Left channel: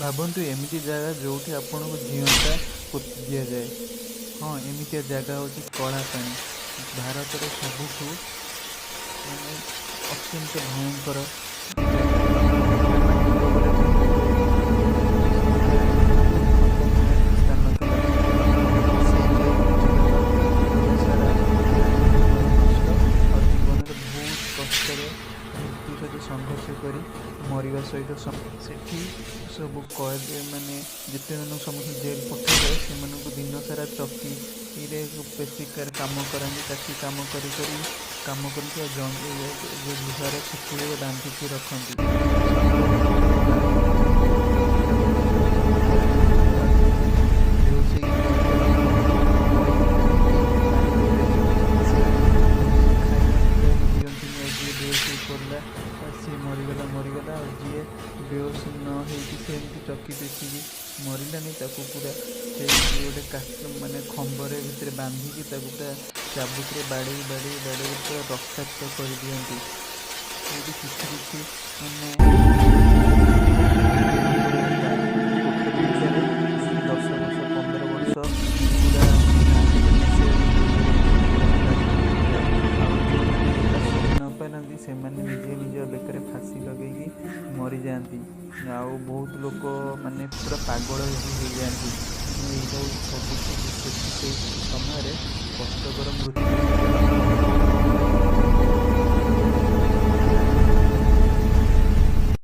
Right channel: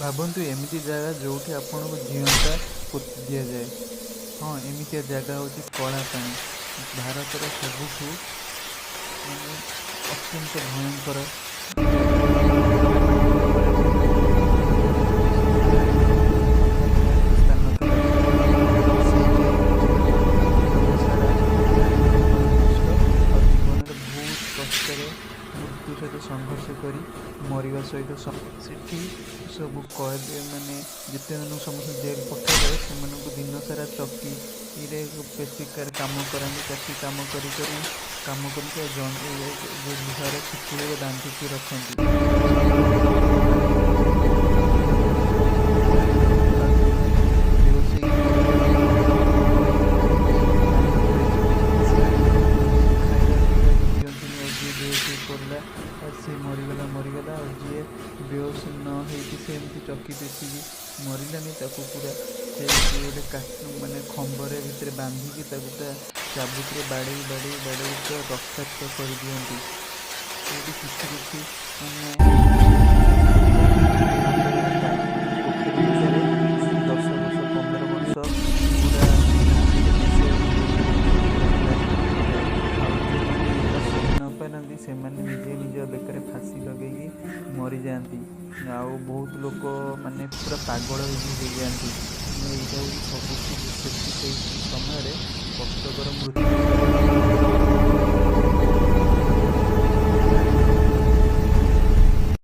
ଭାବନ୍ତୁ ଏମିତି ଜାଗା ଯେଉଁଠି ଆପଣଙ୍କୁ ଜିଅନ୍ତା ପୋତି ଦିଆଯାଏ। ହଁ, ଏମିତିଆ ଜାଗା ହେଉଛି କଳାପାଣି। ଭାରତର ସବୁଠୁ ମାନେ ଅତ୍ୟନ୍ତ ଭୟଙ୍କର ଜାଗା। କଳାପାଣି ନିକଟରେ ଥିବା ଯେଉଁ ସବୁଠାରୁ ଖତରନାକ ସ୍ଥାନ ଥିଲା, ସେଇ ଜାଗାକୁ ଯିବା ଦ୍ୱାରା ଜୀବନ ସାରା ମାନେ ଜୀବନ ନଷ୍ଟ, ଆଉ ଜୀବନରେ ବହୁତ କଷ୍ଟରେ ମୃତ୍ୟୁ ସହିତ ସଂଘର୍ଷ କରି ମରିବା ସହିତ ସେଠି ସବୁ କଏଦ ମାନେ ଯେତେମାନଙ୍କୁ ସମସ୍ତଙ୍କୁ ଜେଲ୍ ପଠାଯାଏ, ସେମାନଙ୍କୁ ଦିନସାରା ଚକିରେ ପେଶିକାର କାମ କରାନ୍ତି। ଚାକି କାମ କରି କାମ କରନ୍ତି, ଆଉ ଯେଉଁ ଲୁହାର ଶିକୁଳିରେ ବାନ୍ଧିକି ରଖନ୍ତି, ଆଉ ସବୁବେଳେ ଏଥିରେ ବାନ୍ଧିକି ଚକିରେ ରଖିବା ବହୁତ କଷ୍ଟ ହୋଇଥାଏ। ଆଉ ଯେଉଁମାନେ ବେହୋସ ହେଇକି ପଡ଼ିଯାଆନ୍ତି, ପଡ଼ିଯାଆନ୍ତି ଏଇ ପାଣି ଭିତରେ, ସେଇଠି ଖାଇବା ପିଇବାକୁ ଦିଅନ୍ତିନି। ଆଉ ଯିଏ ବେହୋସ ହେଇ ପଡ଼ିଲା ସିଏ ମରିଗଲା। ଆଉ ଯିଏ ବେହୋସ ନ ହେଇକି ସେମିତି ଚକି ପେଶିକି ମରିଲାନି, ତାକୁ ପୁରା ସେଇଠି ଗୋଟେ ମାନେ ଖମ୍ବରେ ଭିତରେ ବାନ୍ଧିକି ତାକୁ ପୁରା ଚାବୁକରେ ବାଡ଼େଇ ପୁରା ରକ୍ତାକ୍ତ କରିଦିଅନ୍ତି। ସେଇଠି କିଛି ମାନେ ପୋଖରୀ ରୁହେ, ଗୋଟେ ପୋଖରୀ ଭିତରେ 10 ବର୍ଷ 15 ବର୍ଷ ପୁରା କାହା ସହିତ ମିଶିବାକୁ ଦିଅନ୍ତିନି, ସେଇଠି ରଖାଯାଏ। ଆଉ ଯେଉଁମାନେ ଏଇଟା ସହି ନ ପାରନ୍ତି, ସେମାନେ ନିଜ ବେକରେ ଫାଶୀ ଲଗେଇକି ମରିଯାଆନ୍ତି। ଆଉ ବହୁତ ଲୋକ ମାନେ ପୁରା ପାଗଳ ବି ହେଇଯାଆନ୍ତି। ଏଇଟା ହେଉଛି ସବୁଠୁ ସେଠି ସେଇ ସମୟରେ କଷ୍ଟକର ମୃତ୍ୟୁ ହୁଏ।